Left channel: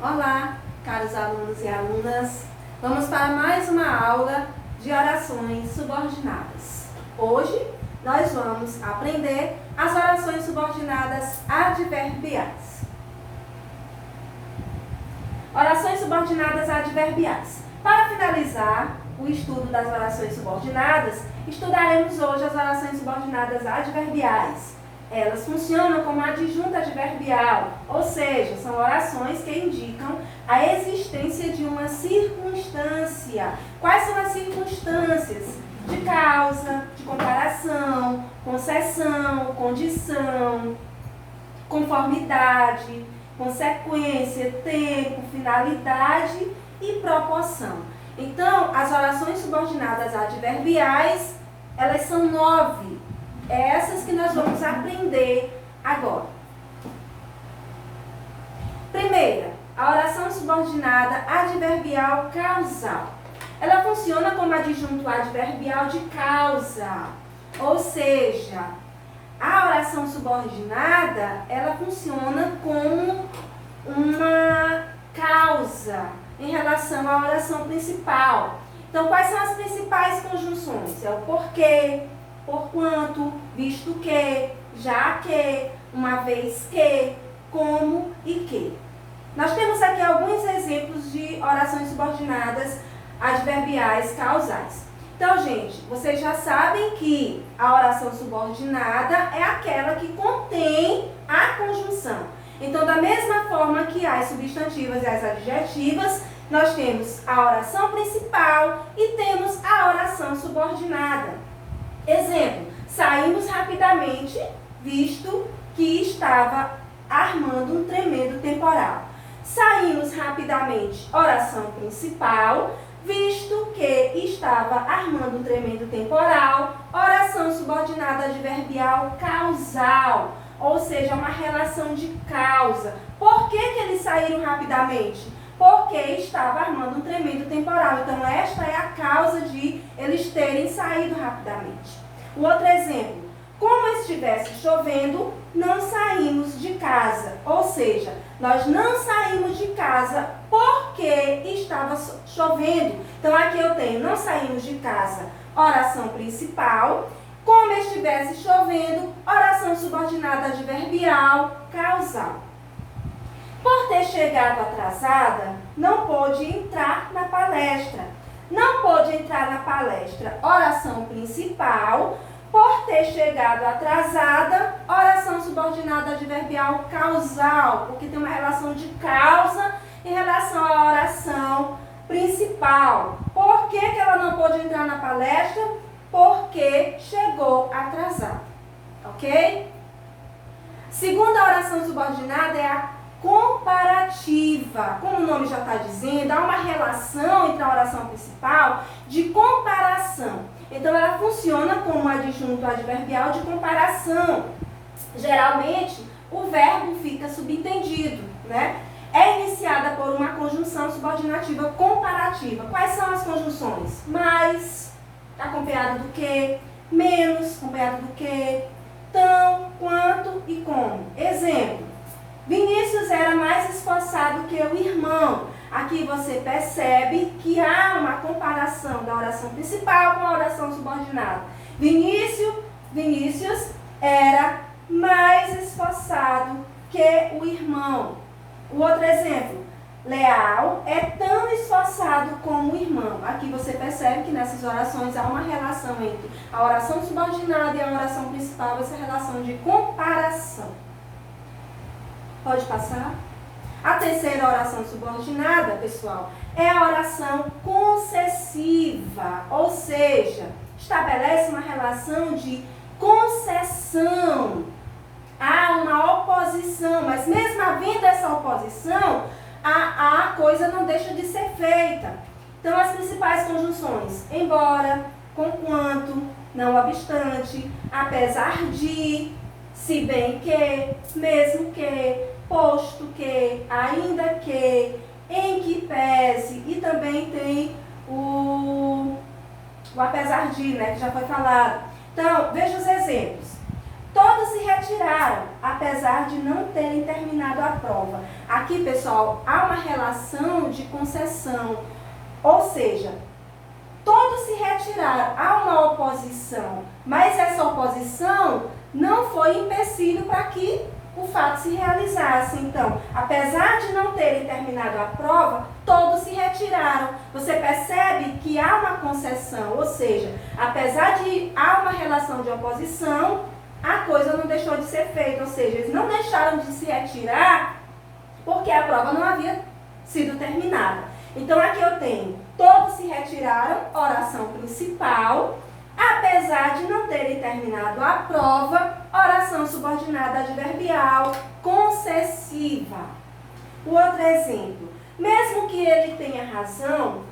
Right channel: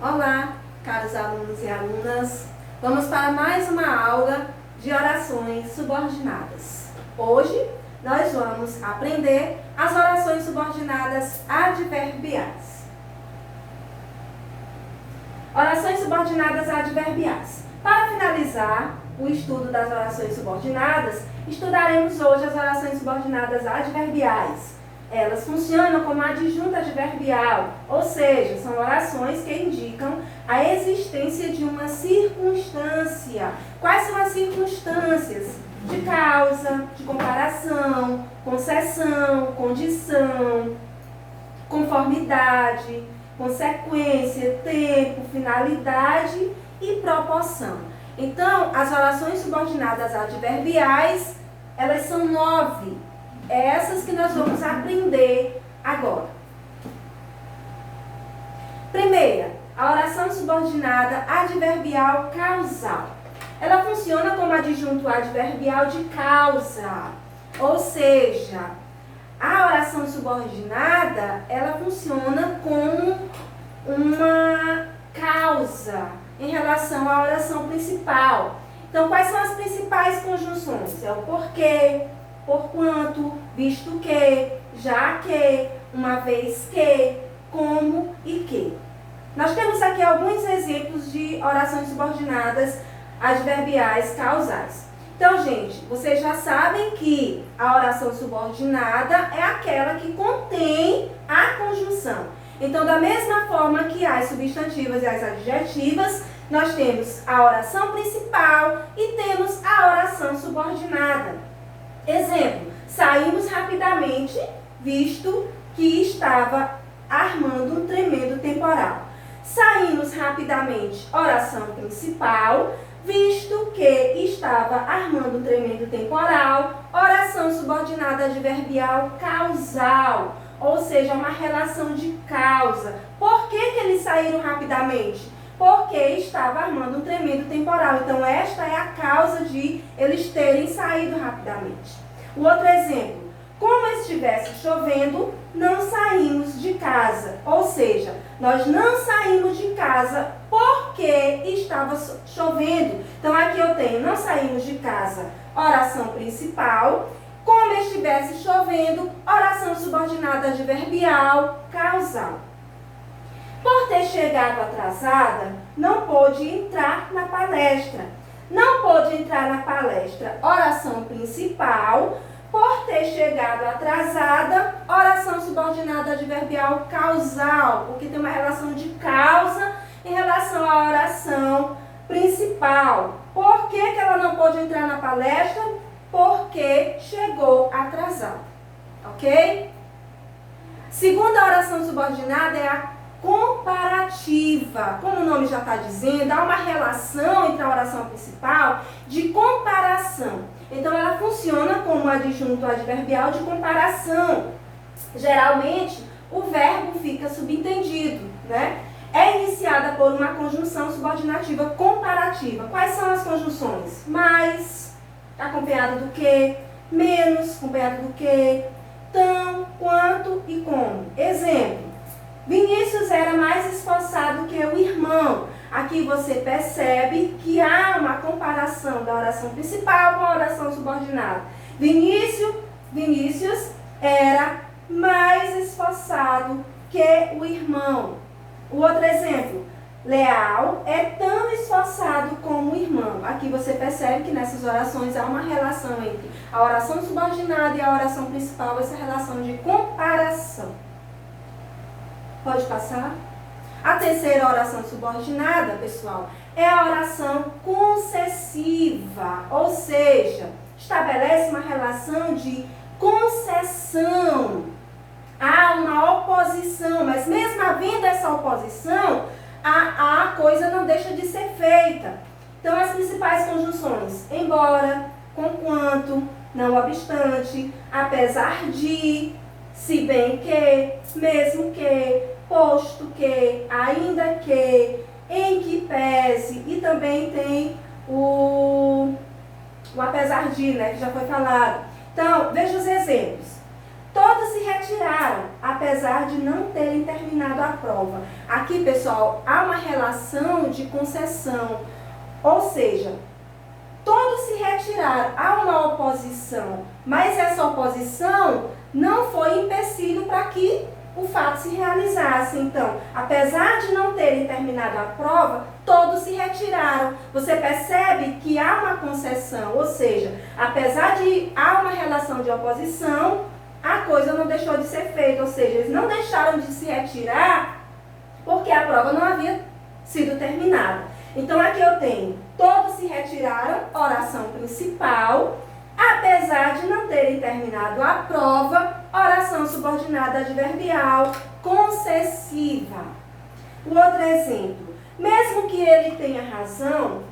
Olá, caros alunos e alunas. Vamos para mais uma aula de orações subordinadas. Hoje nós vamos aprender as orações subordinadas adverbiais. Orações subordinadas adverbiais. Para finalizar o estudo das orações subordinadas, estudaremos hoje as orações subordinadas adverbiais. Elas funcionam como adjunto adverbial, ou seja, são orações que indicam a existência de uma circunstância. Quais são as circunstâncias? De causa, de comparação, concessão, condição, conformidade, consequência, tempo, finalidade e proporção. Então, as orações subordinadas adverbiais, elas são 9. Essas que nós vamos aprender agora. Primeira, a oração subordinada adverbial causal. Ela funciona como adjunto adverbial de causa. Ou seja, a oração subordinada, ela funciona como uma causa em relação à oração principal. Então, quais são as principais conjunções? É o porquê, porquanto, visto que, já que, uma vez que, como e que. Nós temos aqui alguns exemplos de orações subordinadas adverbiais causais. Então, gente, vocês já sabem que a oração subordinada é aquela que contém a conjunção. Então, da mesma forma que as substantivas e as adjetivas, nós temos a oração principal e temos a oração subordinada. Exemplo, saímos rapidamente, visto que estava armando um tremendo temporal. Saímos rapidamente, oração principal, visto que estava armando um tremendo temporal, oração subordinada adverbial causal, ou seja, uma relação de causa. Por que eles saíram rapidamente? Porque estava armando um tremendo temporal. Então, esta é a causa de eles terem saído rapidamente. Um outro exemplo. Como estivesse chovendo, não saímos de casa. Ou seja, nós não saímos de casa porque estava chovendo. Então, aqui eu tenho não saímos de casa, oração principal. Como estivesse chovendo, oração subordinada adverbial causal. Por ter chegado atrasada, não pôde entrar na palestra. Não pôde entrar na palestra, oração principal. Por ter chegado atrasada, oração subordinada adverbial causal, porque tem uma relação de causa em relação à oração principal. Por que ela não pôde entrar na palestra? Porque chegou atrasada. Ok? Segunda oração subordinada é a comparativa. Como o nome já está dizendo, há uma relação entre a oração principal de comparação. Então, ela funciona como adjunto adverbial de comparação. Geralmente, o verbo fica subentendido, né? É iniciada por uma conjunção subordinativa comparativa. Quais são as conjunções? Mais, acompanhada do que, menos, acompanhada do que, tão, quanto e como. Exemplo. Vinícius era mais esforçado que o irmão. Aqui você percebe que há uma comparação da oração principal com a oração subordinada. Vinícius era mais esforçado que o irmão. O outro exemplo. Leal é tão esforçado como o irmão. Aqui você percebe que nessas orações há uma relação entre a oração subordinada e a oração principal, essa relação de comparação. Pode passar? A terceira oração subordinada, pessoal, é a oração concessiva, ou seja, estabelece uma relação de concessão. Há uma oposição, mas mesmo havendo essa oposição, a coisa não deixa de ser feita. Então, as principais conjunções, embora, conquanto, não obstante, apesar de, se bem que, mesmo que, posto que, ainda que, em que pese, e também tem o apesar de, né, que já foi falado. Então, veja os exemplos. Todos se retiraram, apesar de não terem terminado a prova. Aqui, pessoal, há uma relação de concessão, ou seja, todos se retiraram, há uma oposição, mas essa oposição não foi empecilho para que o fato se realizasse. Então, apesar de não terem terminado a prova, todos se retiraram. Você percebe que há uma concessão, ou seja, apesar de há uma relação de oposição, a coisa não deixou de ser feita, ou seja, eles não deixaram de se retirar porque a prova não havia sido terminada. Então, aqui eu tenho, todos se retiraram, oração principal, apesar de não terem terminado a prova, oração subordinada adverbial concessiva. O outro exemplo, mesmo que ele tenha razão,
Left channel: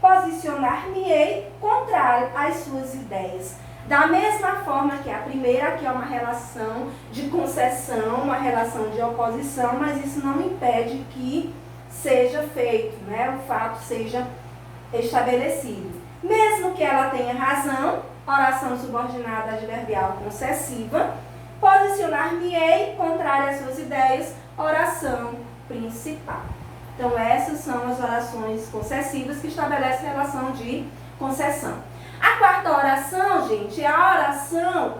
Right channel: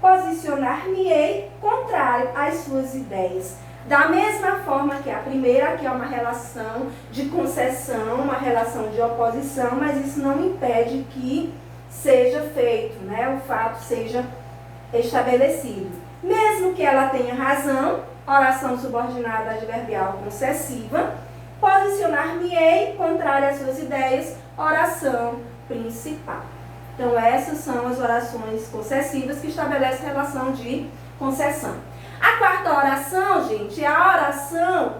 posicionar-me-ei contrário às suas ideias. Da mesma forma que a primeira, que é uma relação de concessão, uma relação de oposição, mas isso não impede que seja feito, né? O fato seja estabelecido. Mesmo que ela tenha razão, oração subordinada adverbial concessiva, posicionar-me-ei contrário às suas ideias, oração principal. Então, essas são as orações concessivas que estabelecem relação de concessão. A quarta oração, gente, é a oração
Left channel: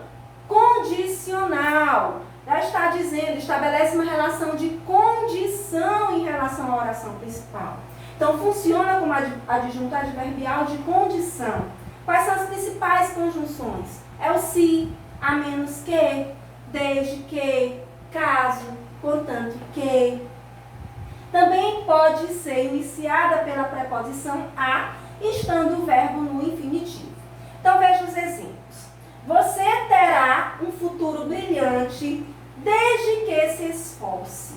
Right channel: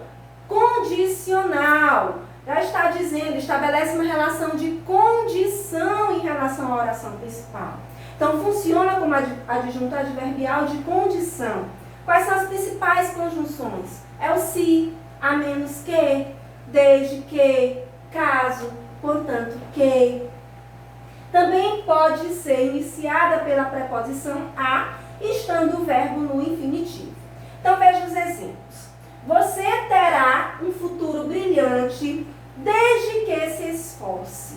condicional. Já está dizendo, estabelece uma relação de condição em relação à oração principal. Então, funciona como adjunto adverbial de condição. Quais são as principais conjunções? É o se, a menos que, desde que, caso, portanto que. Também pode ser iniciada pela preposição a, estando o verbo no infinitivo. Então, veja os exemplos. Você terá um futuro brilhante desde que se esforce.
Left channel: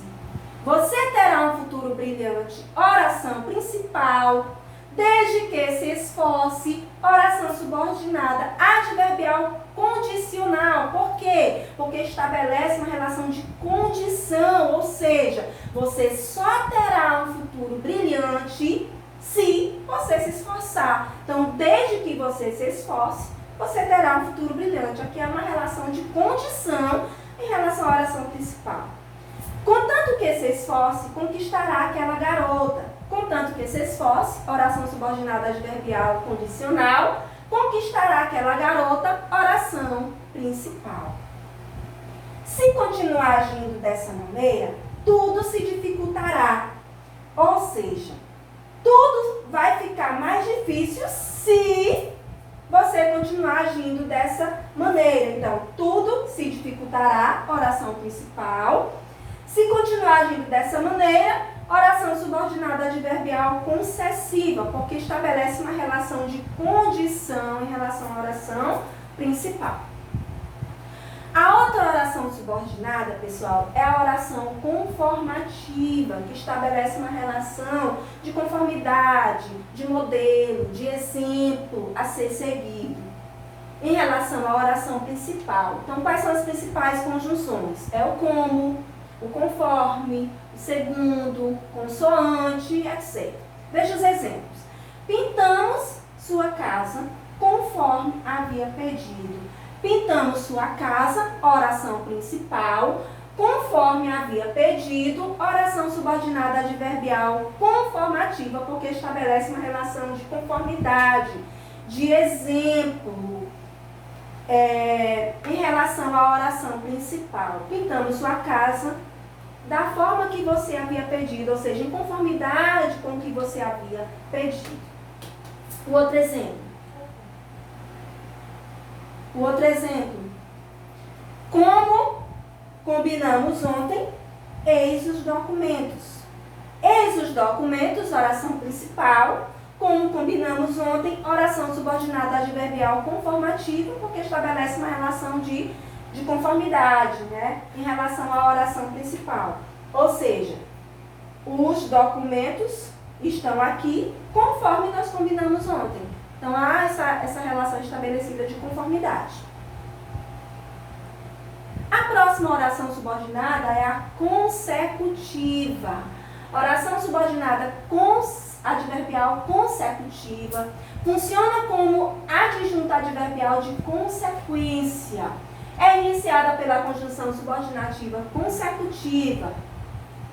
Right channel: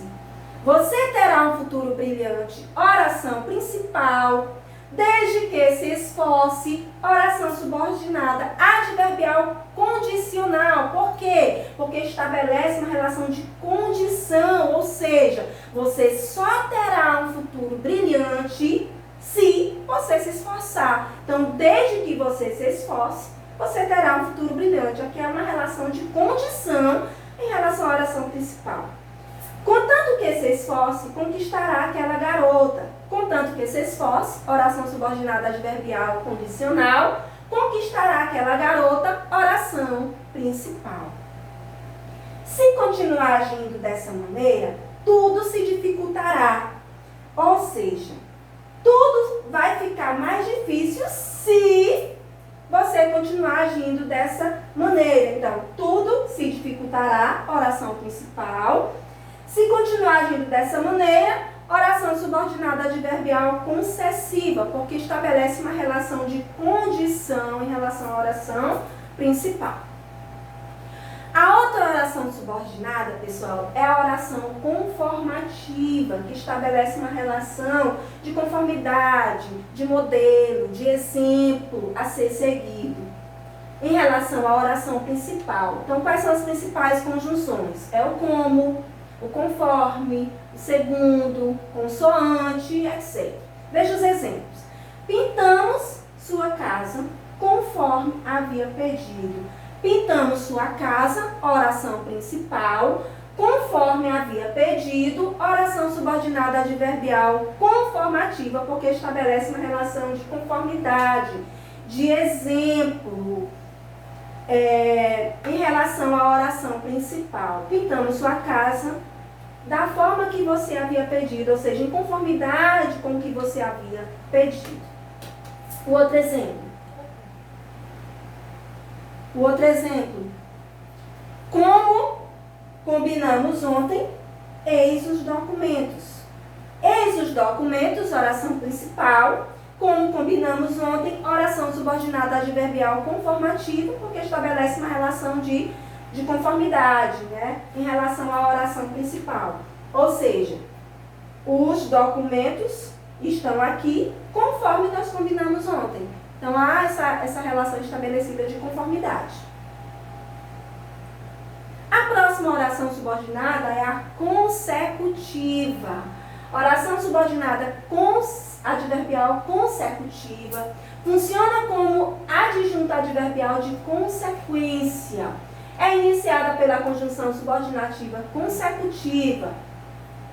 Você terá um futuro brilhante, oração principal, desde que se esforce, oração subordinada, adverbial condicional. Por quê? Porque estabelece uma relação de condição, ou seja, você só terá um futuro brilhante se você se esforçar. Então, desde que você se esforce, você terá um futuro brilhante. Aqui é uma relação de condição em relação à oração principal. Contanto que se esforce, conquistará aquela garota. Contanto que se esforce, oração subordinada adverbial condicional, conquistará aquela garota, oração principal. Se continuar agindo dessa maneira, tudo se dificultará. Ou seja, tudo vai ficar mais difícil se você continuar agindo dessa maneira. Então, tudo se dificultará, oração principal. Se continuar agindo dessa maneira, oração subordinada adverbial concessiva, porque estabelece uma relação de condição em relação à oração principal. A outra oração subordinada, pessoal, é a oração conformativa, que estabelece uma relação de conformidade, de modelo, de exemplo a ser seguido em relação à oração principal. Então, quais são as principais conjunções? É o como, o conforme, o segundo, consoante, etc. Veja os exemplos. Pintamos sua casa conforme havia pedido. Pintamos sua casa, oração principal, conforme havia pedido, oração subordinada adverbial conformativa, porque estabelece uma relação de conformidade, de exemplo, em relação à oração principal. Pintamos sua casa da forma que você havia pedido, ou seja, em conformidade com o que você havia pedido. O outro exemplo. Como combinamos ontem, eis os documentos. Eis os documentos, oração principal. Como combinamos ontem, oração subordinada adverbial conformativa, porque estabelece uma relação de conformidade, né, em relação à oração principal. Ou seja, os documentos estão aqui conforme nós combinamos ontem. Então, há essa relação estabelecida de conformidade. A próxima oração subordinada é a consecutiva. Oração subordinada adverbial consecutiva funciona como adjunto adverbial de consequência. é iniciada pela conjunção subordinativa consecutiva,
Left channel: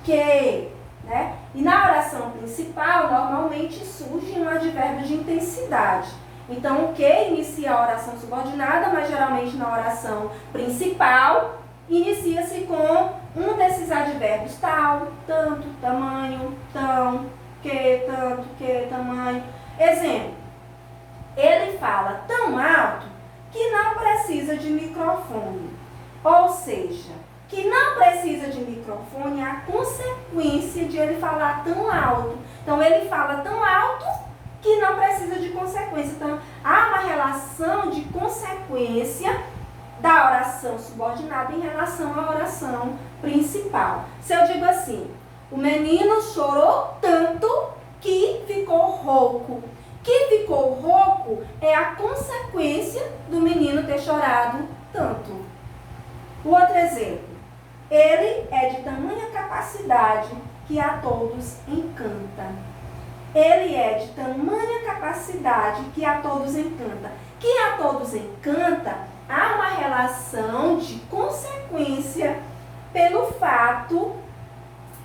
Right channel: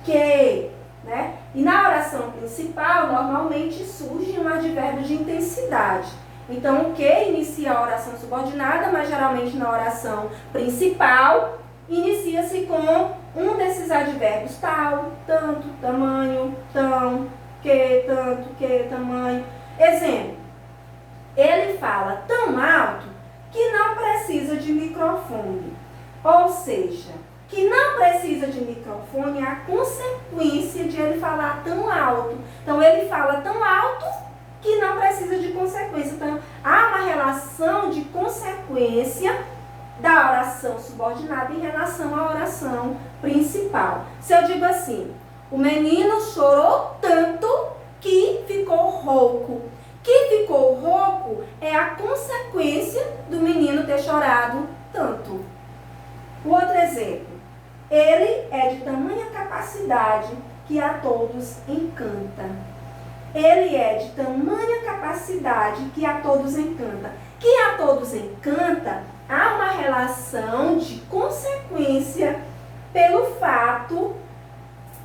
que, né? E na oração principal, normalmente surge um advérbio de intensidade. Então, o que inicia a oração subordinada, mas geralmente na oração principal, inicia-se com um desses advérbios, tal, tanto, tamanho, tão, que, tanto, que, tamanho. Exemplo, ele fala tão alto que não precisa de microfone. Ou seja, que não precisa de microfone é a consequência de ele falar tão alto. Então, ele fala tão alto que não precisa de consequência. Então, há uma relação de consequência da oração subordinada em relação à oração principal. Se eu digo assim, o menino chorou tanto que ficou rouco. Que ficou rouco é a consequência do menino ter chorado tanto. O outro exemplo, ele é de tamanha capacidade que a todos encanta. Ele é de tamanha capacidade que a todos encanta. Que a todos encanta, há uma relação de consequência pelo fato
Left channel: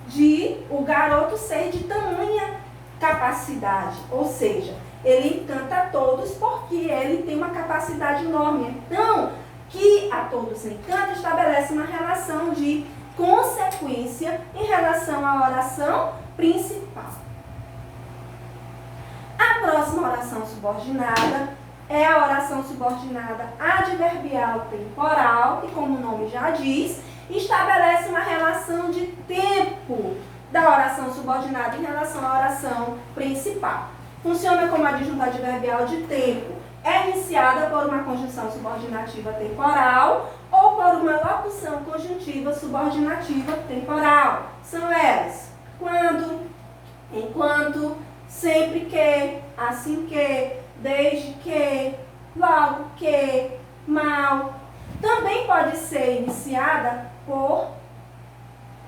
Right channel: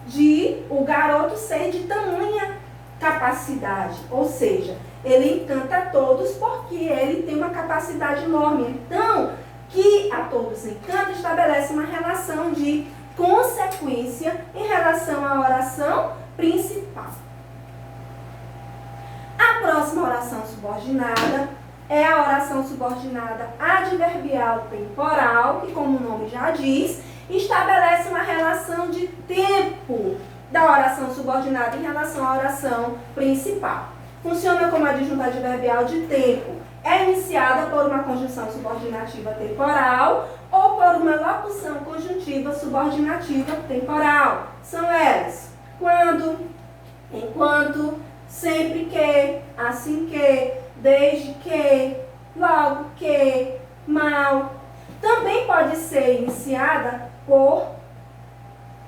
de o garoto ser de tamanha capacidade. Ou seja, ele encanta a todos porque ele tem uma capacidade enorme. Então, que a todos encanta estabelece uma relação de consequência em relação à oração principal. A próxima oração subordinada é a oração subordinada adverbial temporal, que, como o nome já diz, estabelece uma relação de tempo da oração subordinada em relação à oração principal. Funciona como adjunto adverbial de tempo. É iniciada por uma conjunção subordinativa temporal ou por uma locução conjuntiva subordinativa temporal. São elas: quando, enquanto, sempre que, assim que, desde que, logo que, mal. Também pode ser iniciada por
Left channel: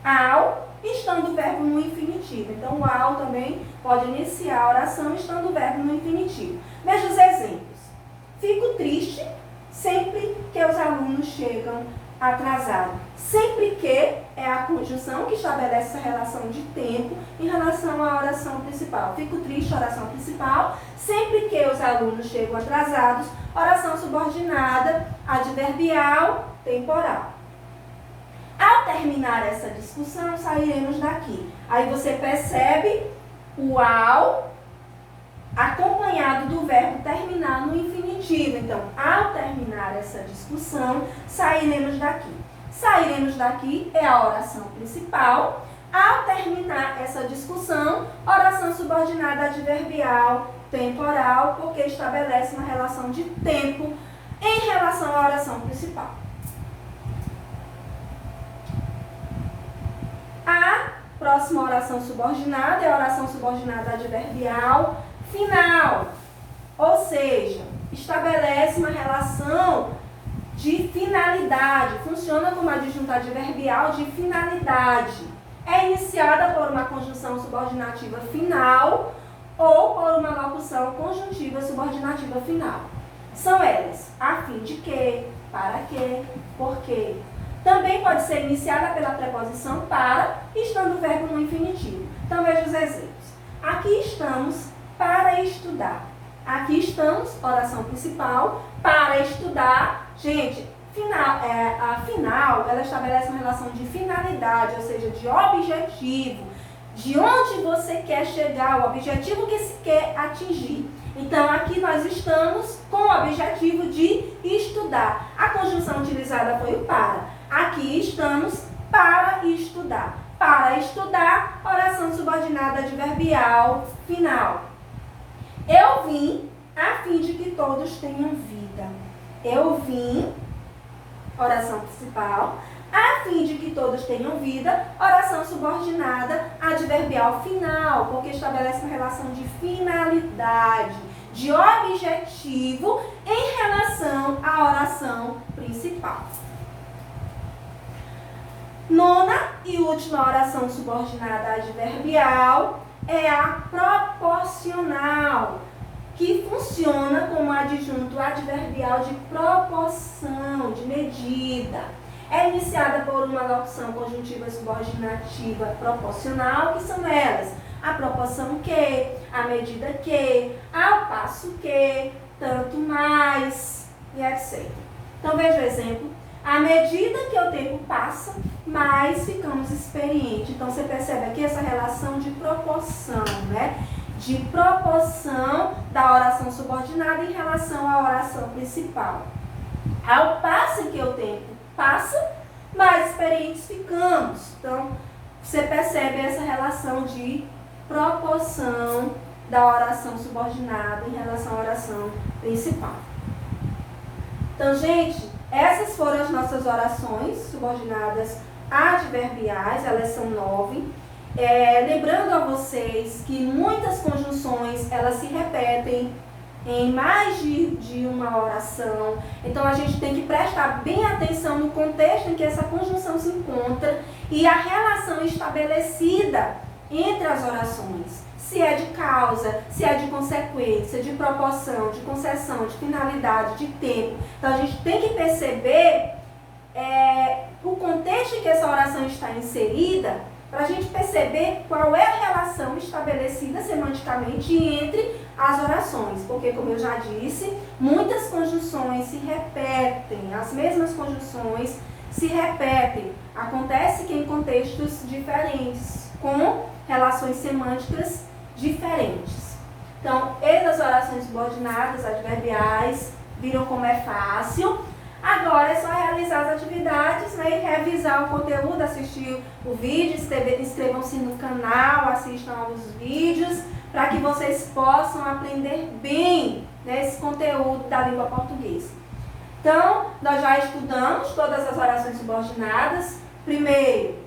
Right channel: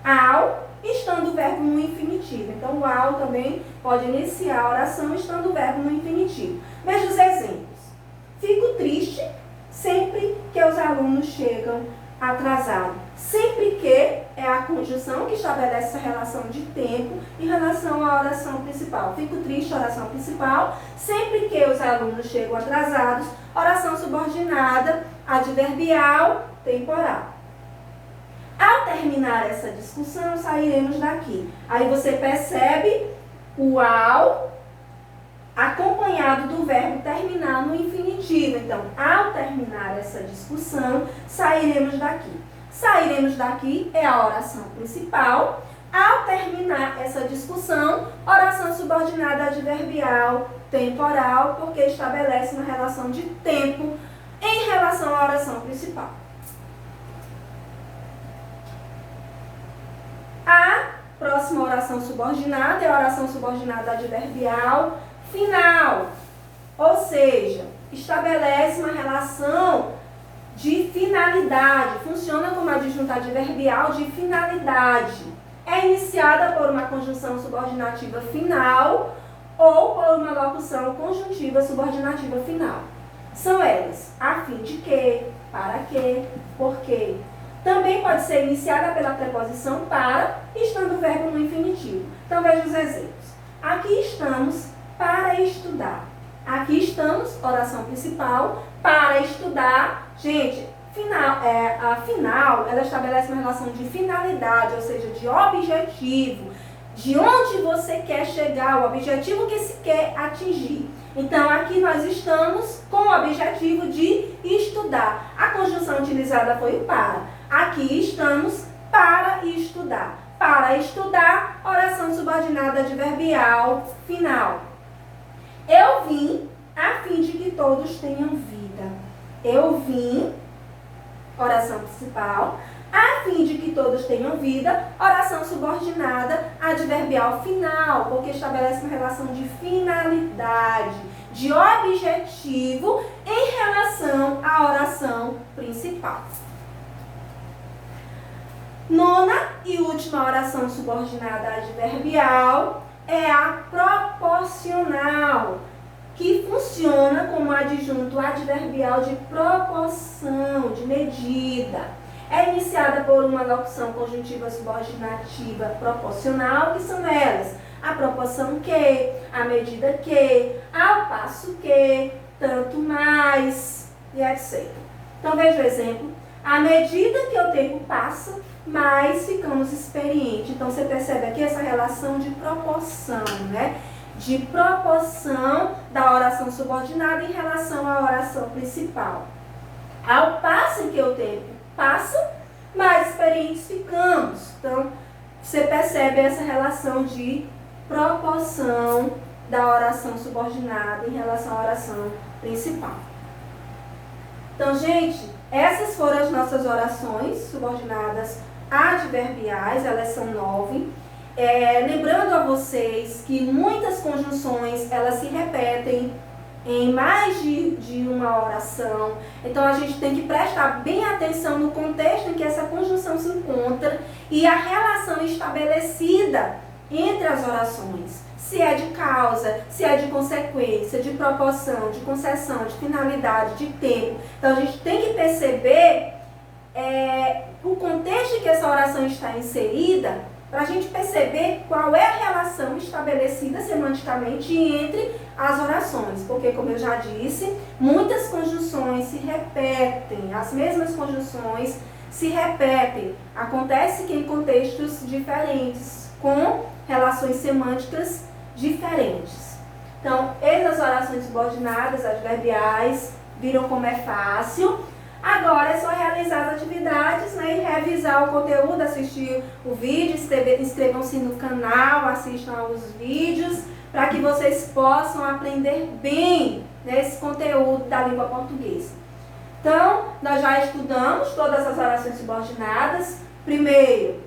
ao, estando o verbo no infinitivo. Então, o ao também pode iniciar a oração estando o verbo no infinitivo. Veja os exemplos. Fico triste sempre que os alunos chegam atrasados. Sempre que é a conjunção que estabelece essa relação de tempo em relação à oração principal. Fico triste, oração principal. Sempre que os alunos chegam atrasados, oração subordinada, adverbial, temporal. Ao terminar essa discussão, sairemos daqui. Aí você percebe o ao acompanhado do verbo terminar no infinitivo. Então, ao terminar essa discussão, sairemos daqui. Sairemos daqui é a oração principal. Ao terminar essa discussão, oração subordinada adverbial temporal, porque estabelece uma relação de tempo em relação à oração principal. A próxima oração subordinada é a oração subordinada adverbial final, ou seja, estabelece uma relação de finalidade, funciona como adjunto adverbial de finalidade. É iniciada por uma conjunção subordinativa final ou por uma locução conjuntiva subordinativa final. São elas: a fim de que, para que, por que. Também pode ser iniciada pela preposição para, estando o verbo no infinitivo. Então, veja os exemplos. Aqui estamos para estudar. Aqui estamos, oração principal, para estudar. Gente, a final, ela estabelece uma relação de finalidade, ou seja, de objetivo, de onde você quer chegar, o objetivo que se quer atingir. Então, aqui nós estamos com o objetivo de estudar. A conjunção utilizada foi o para. Aqui estamos para estudar. Para estudar, oração subordinada adverbial final. Eu vim a fim de que todos tenham vida. Eu vim, oração principal, a fim de que todos tenham vida, oração subordinada adverbial final, porque estabelece uma relação de finalidade, de objetivo em relação à oração principal. Nona e última oração subordinada adverbial é a proporcional. que funciona como adjunto adverbial de proporção, de medida. É iniciada por uma locução conjuntiva subordinativa proporcional, que são elas: a proporção que, a medida que, ao passo que, tanto mais, e etc. Então, veja o exemplo. À medida que o tempo passa, mais ficamos experientes. Então, você percebe aqui essa relação de proporção, né? De proporção da oração subordinada em relação à oração principal. Ao passo que o tempo passa, mais experientes ficamos. Então, você percebe essa relação de proporção da oração subordinada em relação à oração principal. Então, gente, essas foram as nossas orações subordinadas adverbiais, elas são 9. Lembrando a vocês que muitas conjunções, elas se repetem em mais de uma oração. Então, a gente tem que prestar bem atenção no contexto em que essa conjunção se encontra e a relação estabelecida entre as orações. Se é de causa, se é de consequência, de proporção, de concessão, de finalidade, de tempo. Então, a gente tem que perceber o contexto em que essa oração está inserida, para a gente perceber qual é a relação estabelecida semanticamente entre as orações. Porque, como eu já disse, muitas conjunções se repetem, as mesmas conjunções se repetem. Acontece que em contextos diferentes, com relações semânticas diferentes. Então, essas orações subordinadas, adverbiais, viram como é fácil. Agora é só realizar as atividades, né, e revisar o conteúdo, assistir o vídeo, inscrevam-se no canal, assistam aos vídeos, para que vocês possam aprender bem, né, esse conteúdo da língua portuguesa. Então, nós já estudamos todas as orações subordinadas. Primeiro,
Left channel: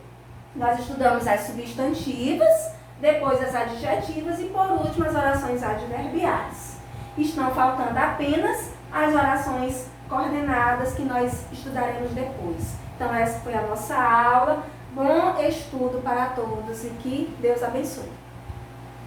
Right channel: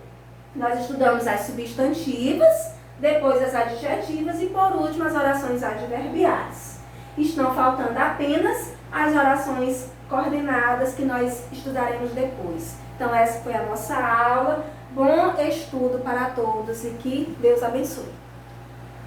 nós estudamos as substantivas, depois as adjetivas e, por último, as orações adverbiais. Estão faltando apenas as orações coordenadas, que nós estudaremos depois. Então, essa foi a nossa aula. Bom estudo para todos e que Deus abençoe.